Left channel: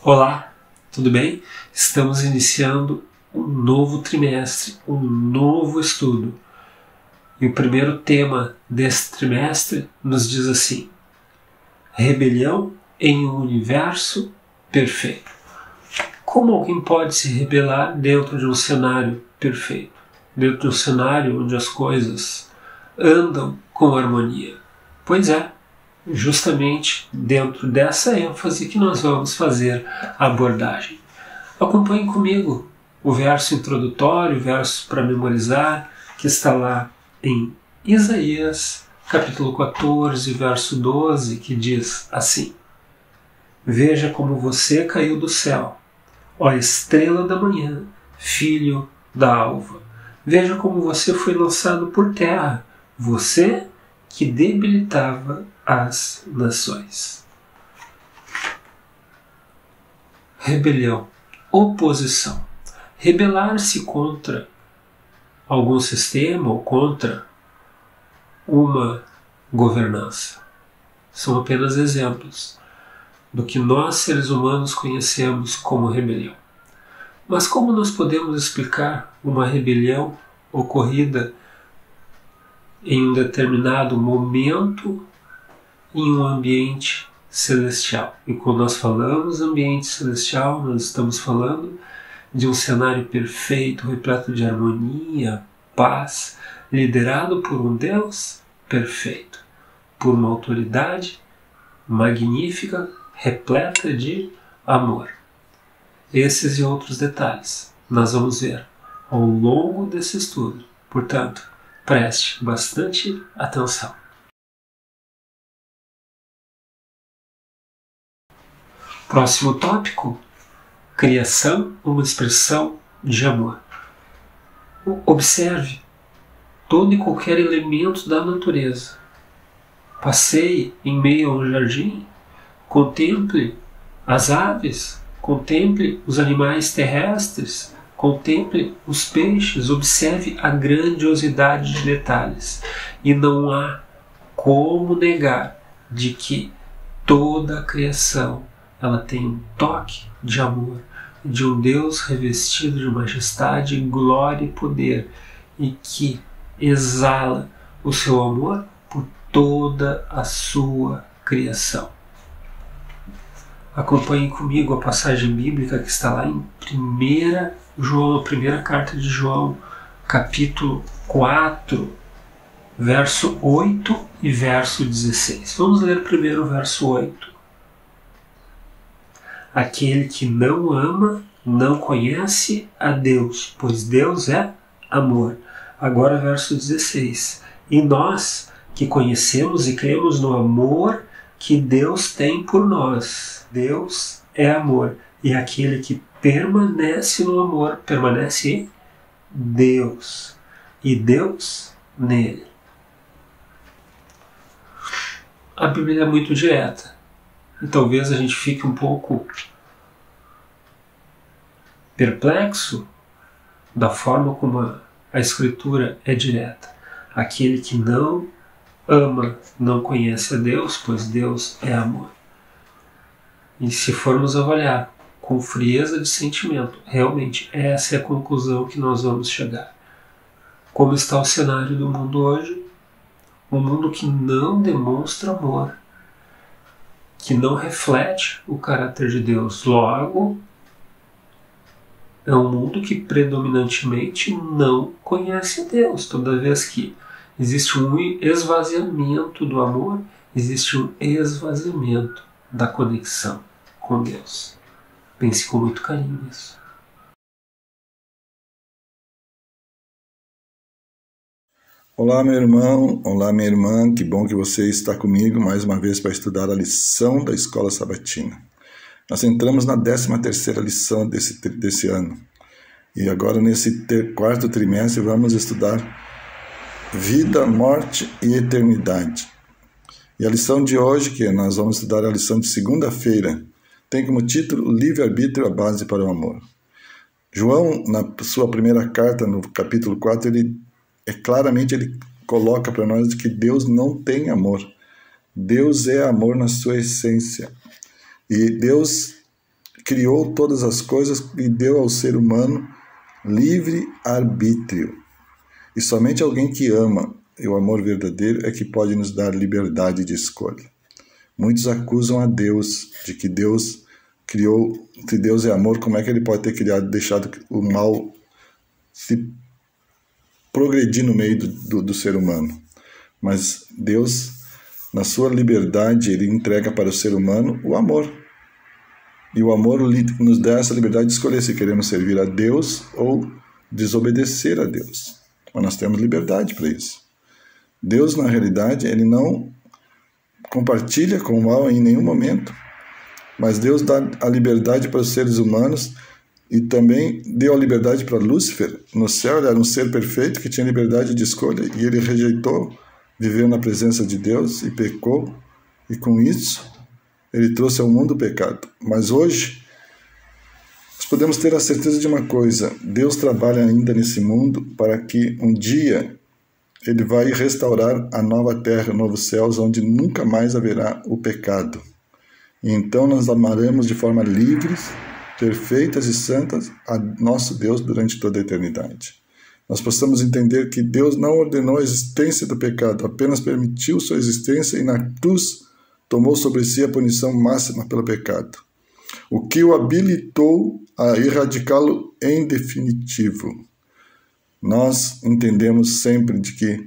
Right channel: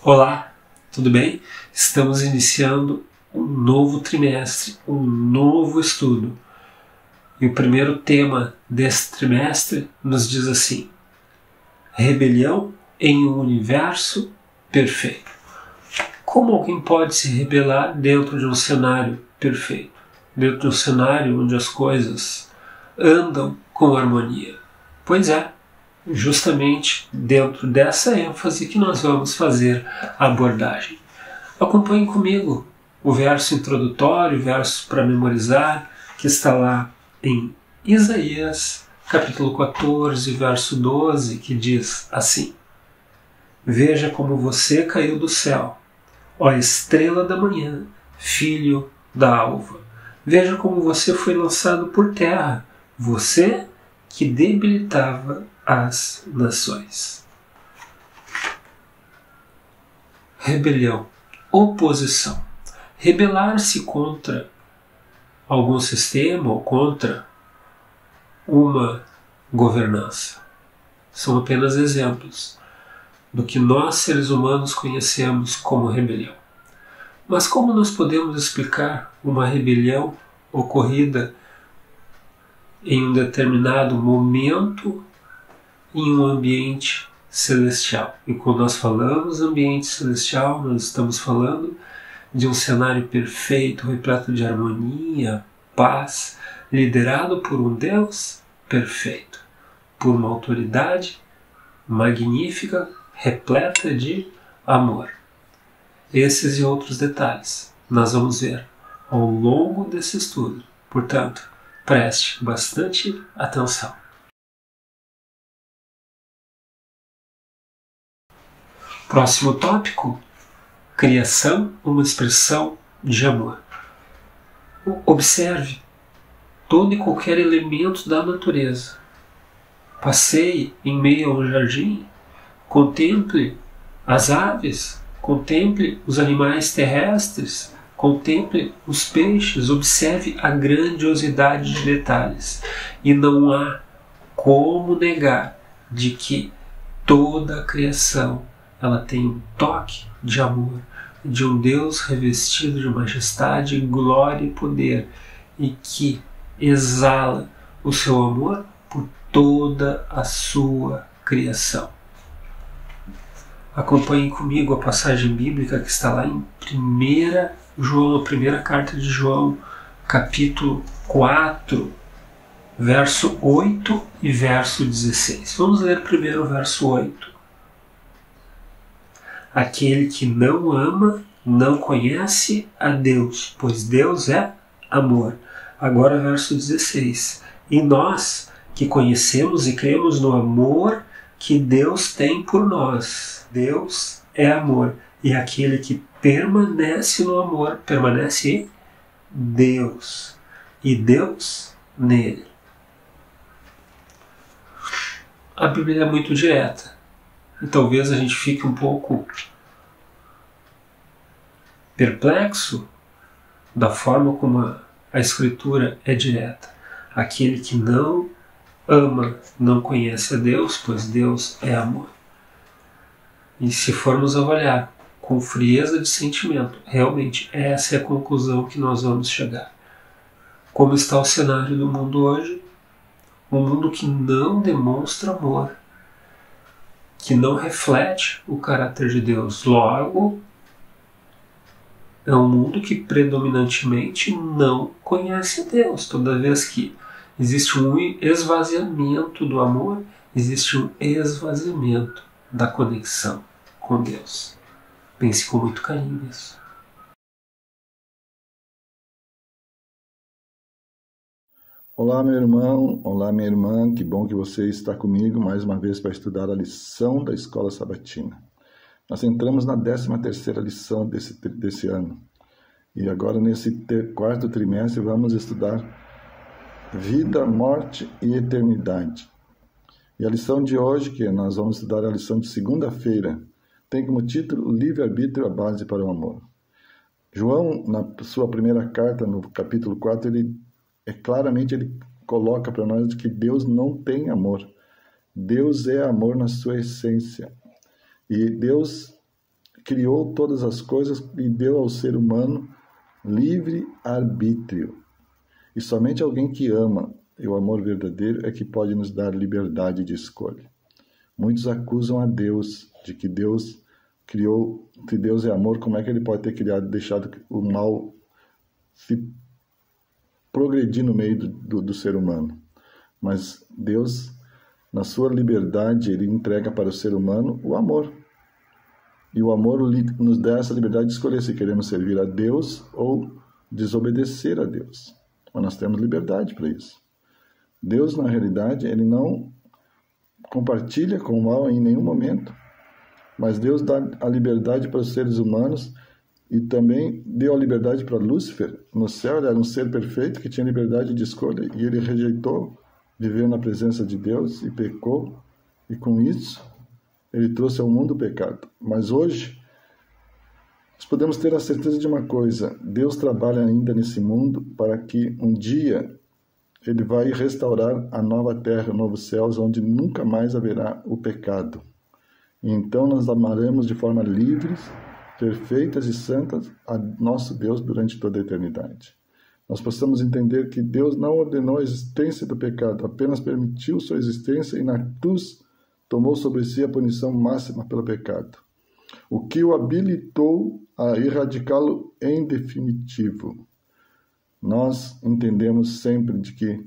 Olá, tudo bem? Estamos iniciando um novo trimestre, um novo estudo. E o primeiro tema desse trimestre nos diz assim: rebelião em um universo perfeito. Como alguém pode se rebelar dentro de um cenário perfeito? Dentro de um cenário onde as coisas andam com harmonia? Pois é, justamente dentro dessa ênfase que nós vamos fazer a abordagem. Acompanhe comigo o verso introdutório, o verso para memorizar, que está lá em Isaías, capítulo 14, verso 12, que diz assim: Veja como você caiu do céu, ó estrela da manhã, filho da alva. Veja como você foi lançado por terra, você que debilitava as nações. Rebelião, oposição. Rebelar-se contra algum sistema ou contra uma governança. São apenas exemplos do que nós, seres humanos, conhecemos como rebelião. Mas como nós podemos explicar uma rebelião ocorrida em um determinado momento em um ambiente celestial? E quando nós falamos ambiente celestial, nós estamos falando de um cenário perfeito, repleto de harmonia, paz, liderado por um Deus perfeito, por uma autoridade magnífica, repleta de amor. Esses e outros detalhes nós vamos ver ao longo desse estudo. Portanto, preste bastante atenção. Próximo tópico: criação, uma expressão de amor. Observe todo e qualquer elemento da natureza. Passeie em meio a um jardim, contemple as aves, contemple os animais terrestres, contemple os peixes, observe a grandiosidade de detalhes. E não há como negar de que toda a criação ela tem um toque de amor, de um Deus revestido de majestade, glória e poder, e que exala o seu amor por toda a sua criação. Acompanhem comigo a passagem bíblica que está lá em 1 João, a primeira carta de João, capítulo 4, verso 8 e verso 16. Vamos ler primeiro o verso 8. Aquele que não ama não conhece a Deus, pois Deus é amor. Agora verso 16. E nós que conhecemos e cremos no amor que Deus tem por nós. Deus é amor. E aquele que permanece no amor, permanece em Deus. E Deus nele. A Bíblia é muito direta. E talvez a gente fique um pouco perplexo da forma como a Escritura é direta. Aquele que não ama não conhece a Deus, pois Deus é amor. E se formos avaliar com frieza de sentimento, realmente essa é a conclusão que nós vamos chegar. Como está o cenário do mundo hoje? Um mundo que não demonstra amor, que não reflete o caráter de Deus. Logo, é um mundo que predominantemente não conhece Deus. Toda vez que existe um esvaziamento do amor, existe um esvaziamento da conexão com Deus. Pense com muito carinho nisso. Olá, meu irmão, olá, minha irmã, que bom que você está comigo mais uma vez para estudar a lição da Escola Sabatina. Nós entramos na 13ª lição desse ano e agora nesse quarto trimestre vamos estudar vida, morte e eternidade. E a lição de hoje, que nós vamos estudar a lição de segunda-feira, tem como título Livre-arbítrio, a base para o amor. João, na sua primeira carta, no capítulo 4, ele coloca para nós que Deus não tem amor. Deus é amor na sua essência. E Deus criou todas as coisas e deu ao ser humano livre arbítrio. E somente alguém que ama, e o amor verdadeiro, é que pode nos dar liberdade de escolha. Muitos acusam a Deus de que Deus criou, se Deus é amor, como é que ele pode ter deixado o mal se progredir no meio do ser humano? Mas Deus, na sua liberdade, ele entrega para o ser humano o amor. E o amor nos dá essa liberdade de escolher se queremos servir a Deus ou desobedecer a Deus. Mas nós temos liberdade para isso. Deus, na realidade, ele não compartilha com o mal em nenhum momento, mas Deus dá a liberdade para os seres humanos e também deu a liberdade para Lúcifer. No céu, ele era um ser perfeito que tinha liberdade de escolha e ele rejeitou, viveu na presença de Deus e pecou, e com isso ele trouxe ao mundo o pecado. Mas hoje nós podemos ter a certeza de uma coisa: Deus trabalha ainda nesse mundo para que um dia ele vai restaurar a nova terra, novos céus, onde nunca mais haverá o pecado. E então nós amaremos de forma livres, perfeitas e santas a nosso Deus durante toda a eternidade. Nós possamos entender que Deus não ordenou a existência do pecado, apenas permitiu sua existência e na cruz tomou sobre si a punição máxima pelo pecado, o que o habilitou a erradicá-lo em definitivo. Nós entendemos sempre de que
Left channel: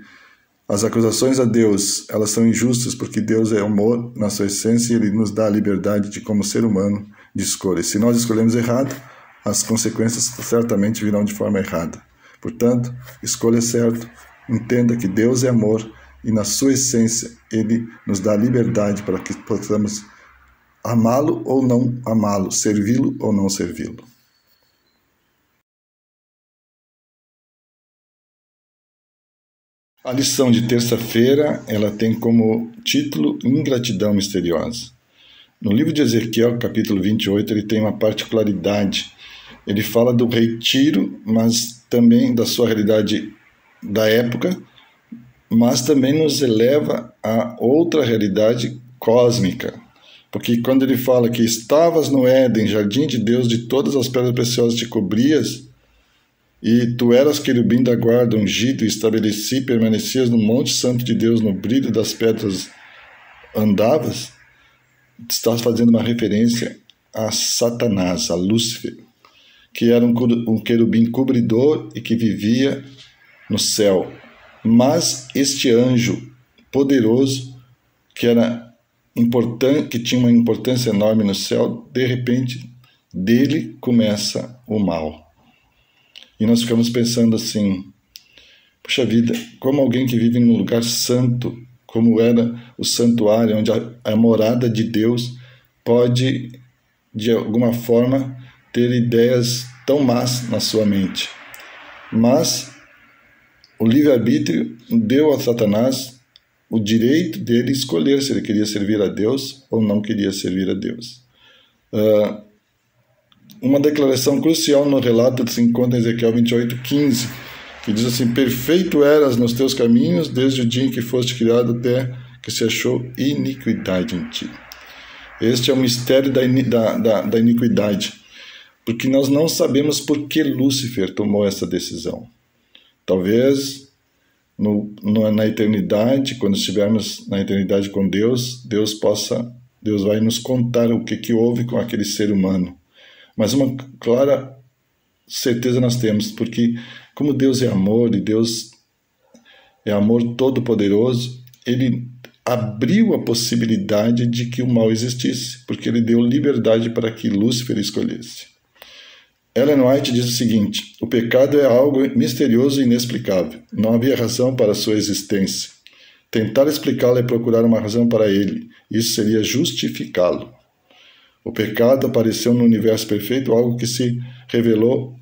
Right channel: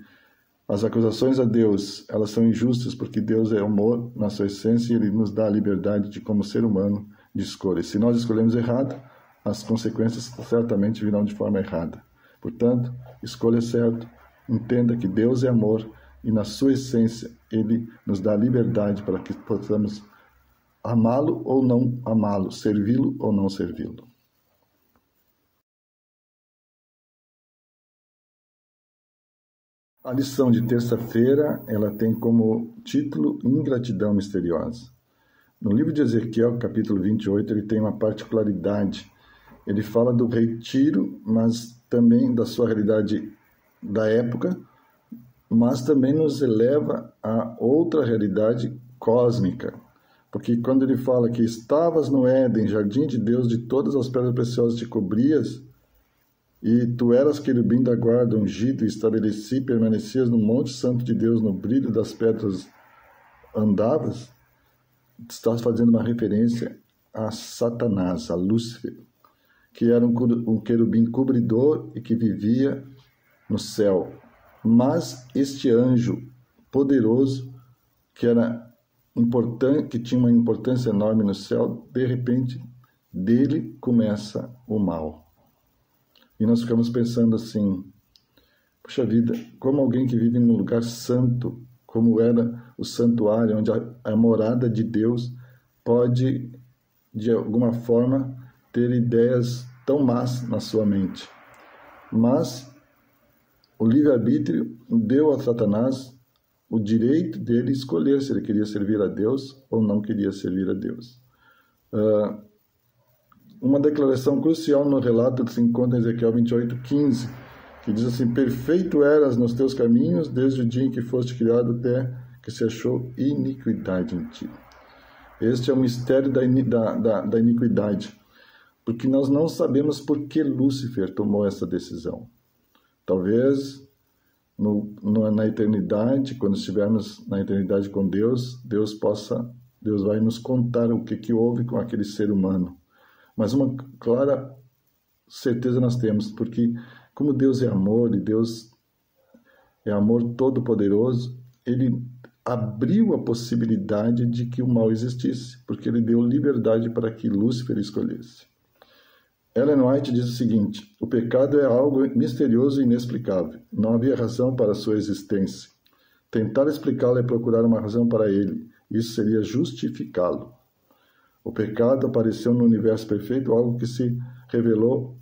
as acusações a Deus, elas são injustas porque Deus é amor na sua essência e ele nos dá a liberdade de, como ser humano, de escolha. Se nós escolhemos errado, as consequências certamente virão de forma errada. Portanto, escolha certo, entenda que Deus é amor e na sua essência ele nos dá liberdade para que possamos amá-lo ou não amá-lo, servi-lo ou não servi-lo. A lição de terça-feira, ela tem como título Ingratidão Misteriosa. No livro de Ezequiel, capítulo 28, ele tem uma particularidade. Ele fala do rei Tiro, mas também da sua realidade da época, mas também nos eleva a outra realidade cósmica. Porque quando ele fala que estavas no Éden, jardim de Deus, de todas as pedras preciosas te cobrias, e tu eras querubim da guarda, ungido, e estabeleci, permanecias no monte santo de Deus, no brilho das pedras andavas, estás fazendo uma referência a Satanás, a Lúcifer, que era um querubim cobridor e que vivia no céu. Mas este anjo poderoso, que era importante, que tinha uma importância enorme no céu, de repente, dele começa o mal. E nós ficamos pensando assim, puxa vida, como alguém que vive num lugar santo, como era o santuário, onde a morada de Deus, pode, de alguma forma, ter ideias tão más na sua mente. Mas o livre-arbítrio deu a Satanás o direito dele escolher se ele queria servir a Deus ou não queria servir a Deus. Uma declaração crucial no relato se encontra em Ezequiel 28:15, que diz assim: perfeito eras nos teus caminhos, desde o dia em que foste criado até que se achou iniquidade em ti. Este é o mistério da iniquidade, porque nós não sabemos por que Lúcifer tomou essa decisão. Talvez na eternidade, quando estivermos na eternidade com Deus, Deus vai nos contar o que houve com aquele ser humano. Mas uma clara certeza nós temos, porque como Deus é amor e Deus é amor todo-poderoso, ele abriu a possibilidade de que o mal existisse, porque ele deu liberdade para que Lúcifer escolhesse. Ellen White diz o seguinte: o pecado é algo misterioso e inexplicável. Não havia razão para a sua existência. Tentar explicá-lo é procurar uma razão para ele. Isso seria justificá-lo. O pecado apareceu no universo perfeito, algo que se revelou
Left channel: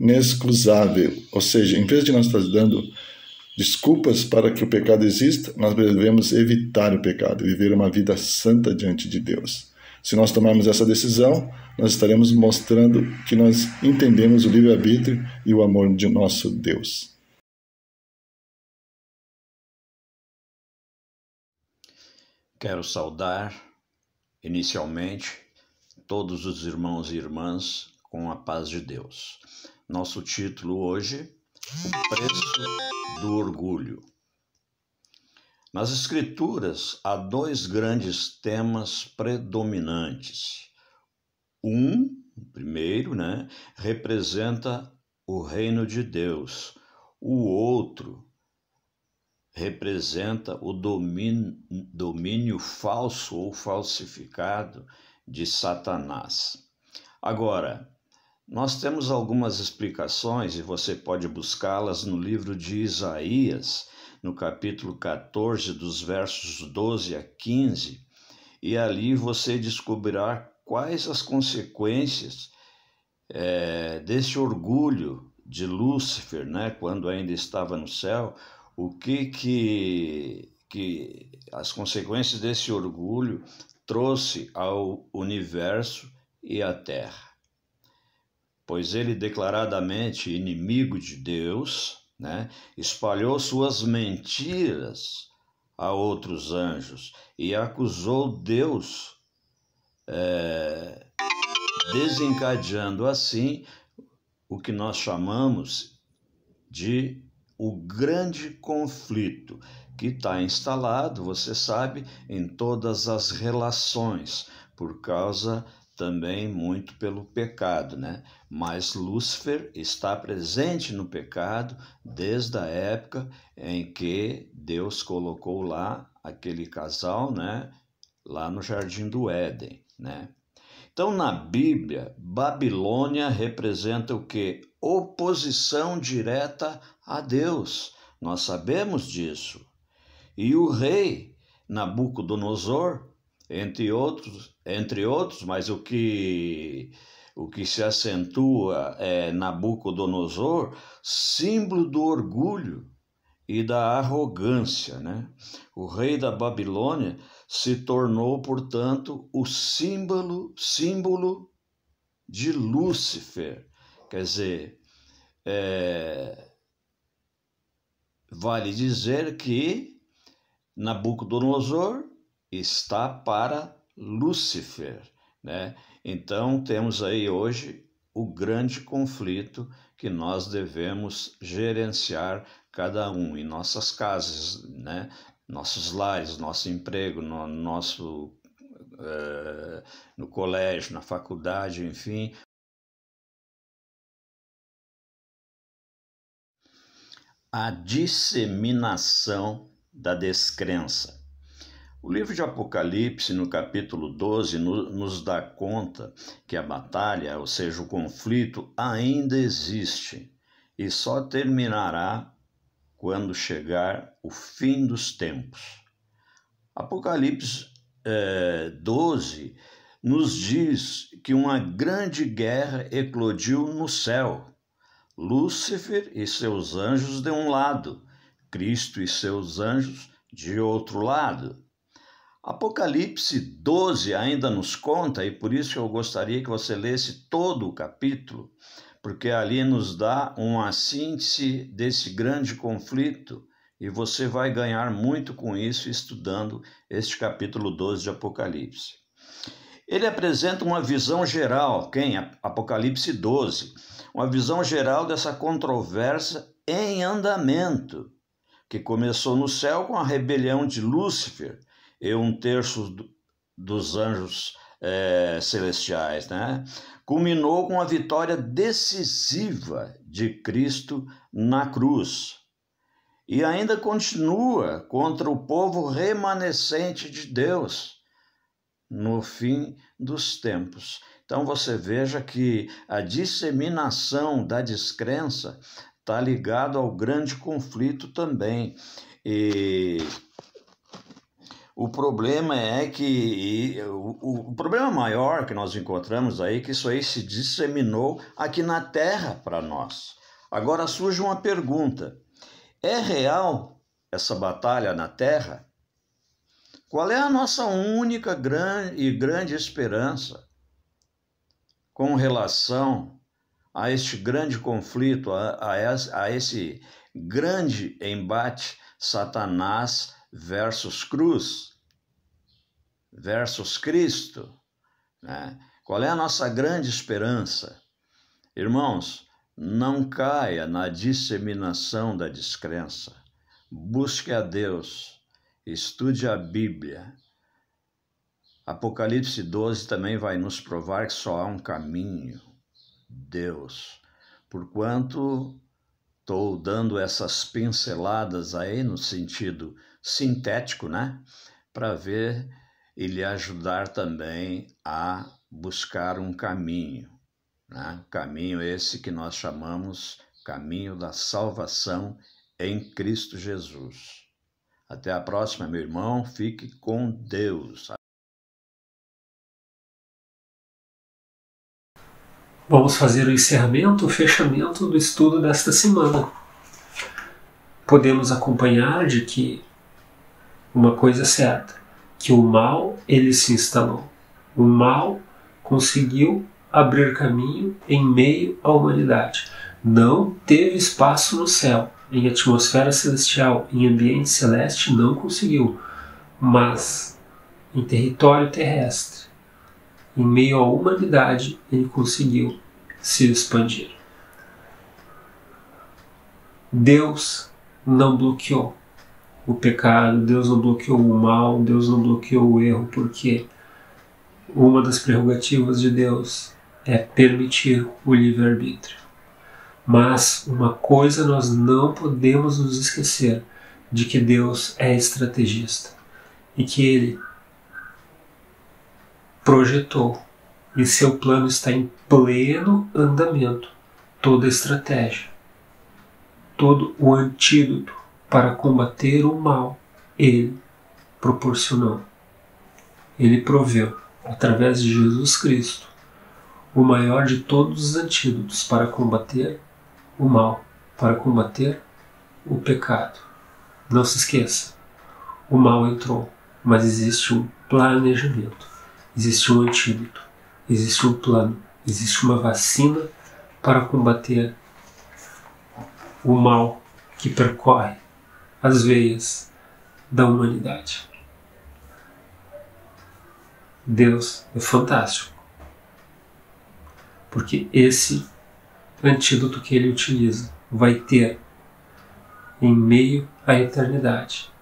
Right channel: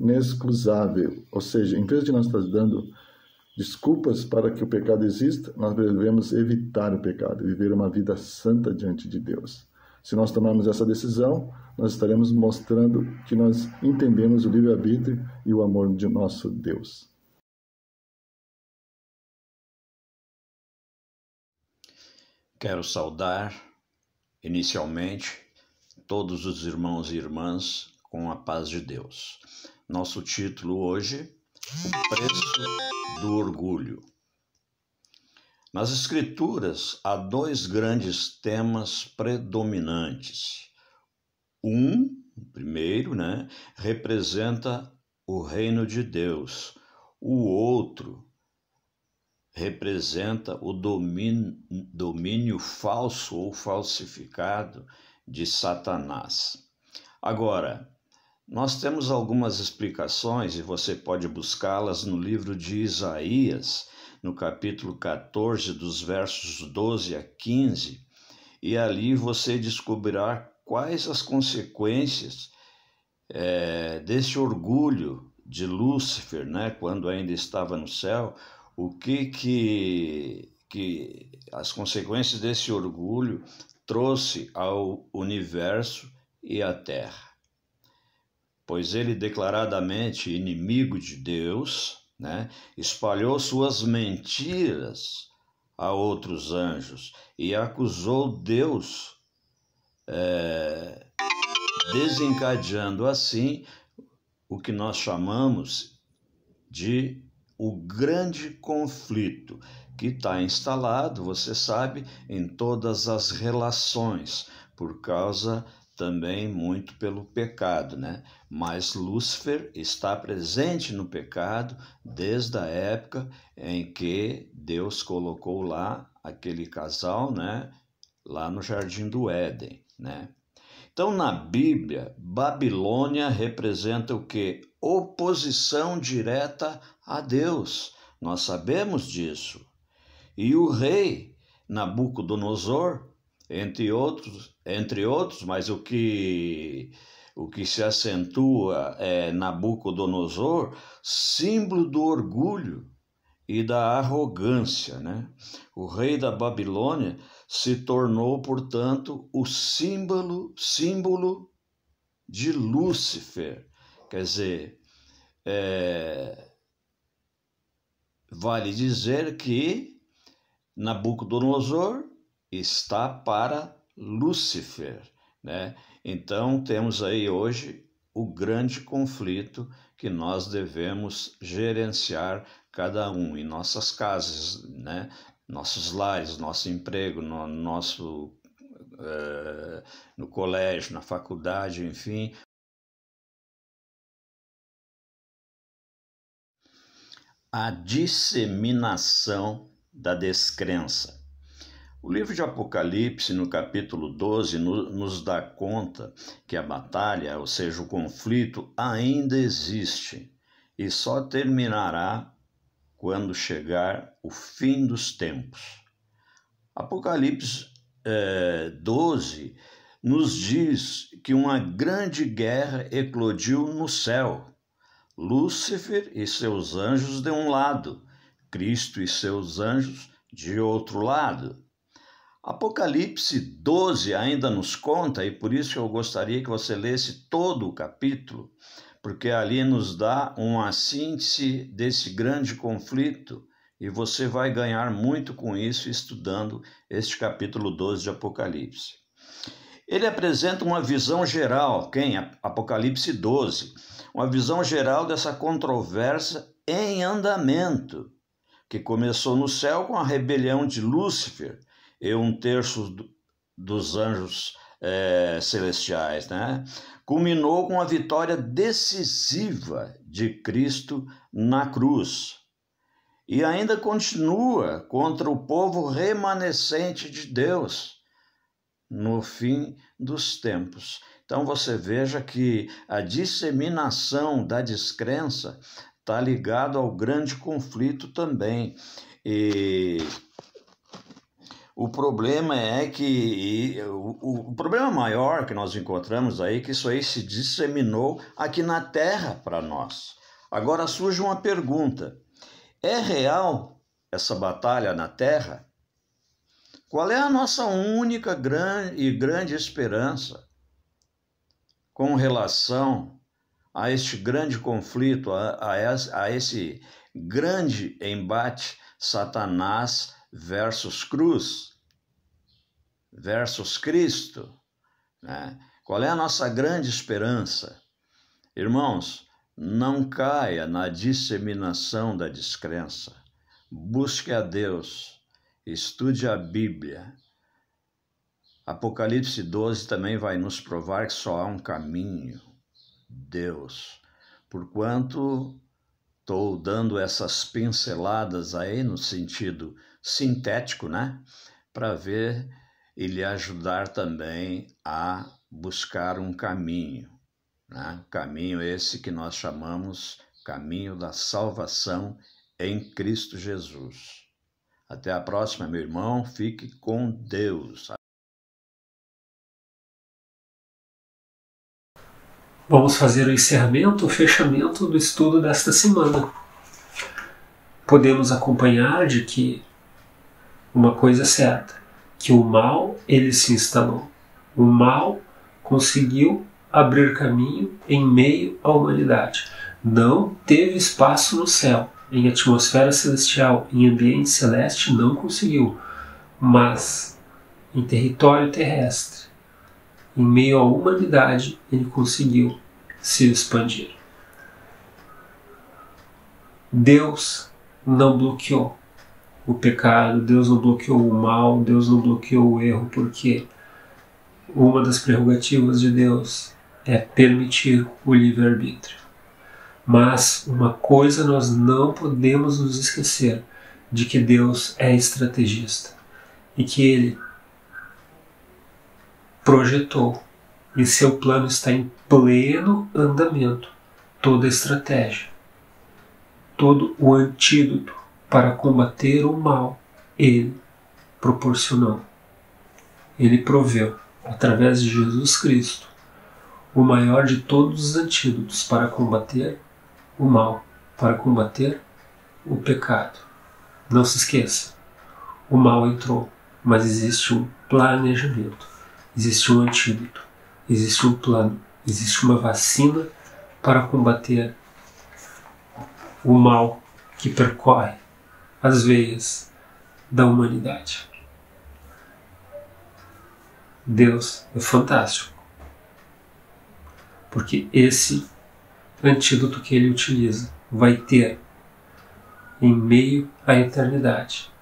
inexcusável. Ou seja, em vez de nós estar dando desculpas para que o pecado exista, nós devemos evitar o pecado, viver uma vida santa diante de Deus. Se nós tomarmos essa decisão, nós estaremos mostrando que nós entendemos o livre-arbítrio e o amor de nosso Deus. Quero saudar, inicialmente, todos os irmãos e irmãs com a paz de Deus. Nosso título hoje, O Preço do Orgulho. Nas Escrituras há dois grandes temas predominantes. O primeiro, representa o reino de Deus. O outro representa o domínio falso ou falsificado de Satanás. Agora, nós temos algumas explicações e você pode buscá-las no livro de Isaías, no capítulo 14, dos versos 12 a 15, e ali você descobrirá quais as consequências desse orgulho de Lúcifer, quando ainda estava no céu, o que as consequências desse orgulho trouxe ao universo e à terra. Pois ele, declaradamente inimigo de Deus, espalhou suas mentiras a outros anjos e acusou Deus, desencadeando assim o que nós chamamos de o grande conflito, que está instalado, você sabe, em todas as relações, por causa também muito pelo pecado, Mas Lúcifer está presente no pecado desde a época em que Deus colocou lá aquele casal, lá no Jardim do Éden, Então, na Bíblia, Babilônia representa o quê? Oposição direta a Deus. Nós sabemos disso. E o rei Nabucodonosor, entre outros, mas o que se acentua é Nabucodonosor, símbolo do orgulho e da arrogância, O rei da Babilônia se tornou, portanto, o símbolo de Lúcifer. Quer dizer, vale dizer que Nabucodonosor está para Lúcifer, Então, temos aí hoje o grande conflito que nós devemos gerenciar cada um em nossas casas, nossos lares, nosso emprego, no colégio, na faculdade, enfim. A disseminação da descrença. O livro de Apocalipse, no capítulo 12, nos dá conta que a batalha, ou seja, o conflito, ainda existe e só terminará quando chegar o fim dos tempos. Apocalipse 12 nos diz que uma grande guerra eclodiu no céu. Lúcifer e seus anjos de um lado, Cristo e seus anjos de outro lado. Apocalipse 12 ainda nos conta, e por isso eu gostaria que você lesse todo o capítulo, porque ali nos dá uma síntese desse grande conflito, e você vai ganhar muito com isso estudando este capítulo 12 de Apocalipse. Ele apresenta uma visão geral, Apocalipse 12, uma visão geral dessa controvérsia em andamento, que começou no céu com a rebelião de Lúcifer e 1/3 dos anjos celestiais, Culminou com a vitória decisiva de Cristo na cruz. E ainda continua contra o povo remanescente de Deus no fim dos tempos. Então você veja que a disseminação da descrença está ligado ao grande conflito também. E o problema é que o problema maior que nós encontramos aí é que isso aí se disseminou aqui na Terra para nós. Agora surge uma pergunta: é real essa batalha na Terra? Qual é a nossa única grande esperança com relação a este grande conflito, a esse grande embate Satanás versus cruz, versus Cristo, Qual é a nossa grande esperança? Irmãos, não caia na disseminação da descrença. Busque a Deus, estude a Bíblia. Apocalipse 12 também vai nos provar que só há um caminho, Deus. Porquanto estou dando essas pinceladas aí no sentido sintético, né? Para ver e lhe ajudar também a buscar um caminho, né? Caminho esse que nós chamamos caminho da salvação em Cristo Jesus. Até a próxima, meu irmão. Fique com Deus. Vamos fazer o encerramento, o fechamento do estudo desta semana. Podemos acompanhar de que uma coisa é certa, que o mal, ele se instalou. O mal conseguiu abrir caminho em meio à humanidade. Não teve espaço no céu, em atmosfera celestial, em ambiente celeste, não conseguiu. Mas em território terrestre, em meio à humanidade, ele conseguiu se expandir. Deus não bloqueou o pecado, Deus não bloqueou o mal, Deus não bloqueou o erro, porque uma das prerrogativas de Deus é permitir o livre-arbítrio. Mas uma coisa nós não podemos nos esquecer, de que Deus é estrategista e que Ele projetou e seu plano está em pleno andamento. Toda a estratégia, todo o antídoto para combater o mal, Ele proporcionou. Ele proveu, através de Jesus Cristo, o maior de todos os antídotos para combater o mal, para combater o pecado. Não se esqueça, o mal entrou, mas existe um planejamento, existe um antídoto, existe um plano, existe uma vacina para combater o mal que percorre as veias da humanidade. Deus é fantástico, porque esse antídoto que Ele utiliza vai ter, em meio à eternidade,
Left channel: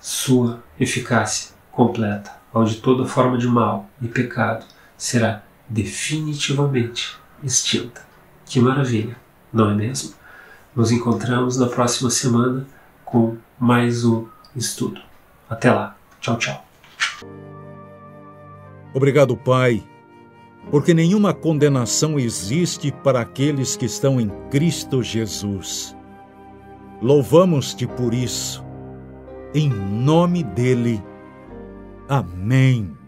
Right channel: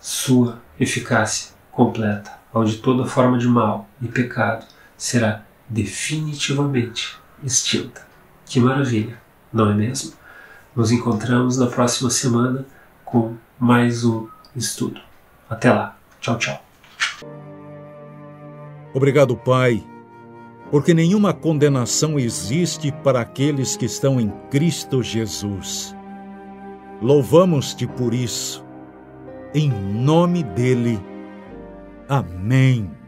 sua eficácia completa, onde toda forma de mal e pecado será definitivamente extinta. Que maravilha, não é mesmo? Nos encontramos na próxima semana com mais um estudo. Até lá. Tchau, tchau. Obrigado, Pai, porque nenhuma condenação existe para aqueles que estão em Cristo Jesus. Louvamos-te por isso. Em nome dele. Amém.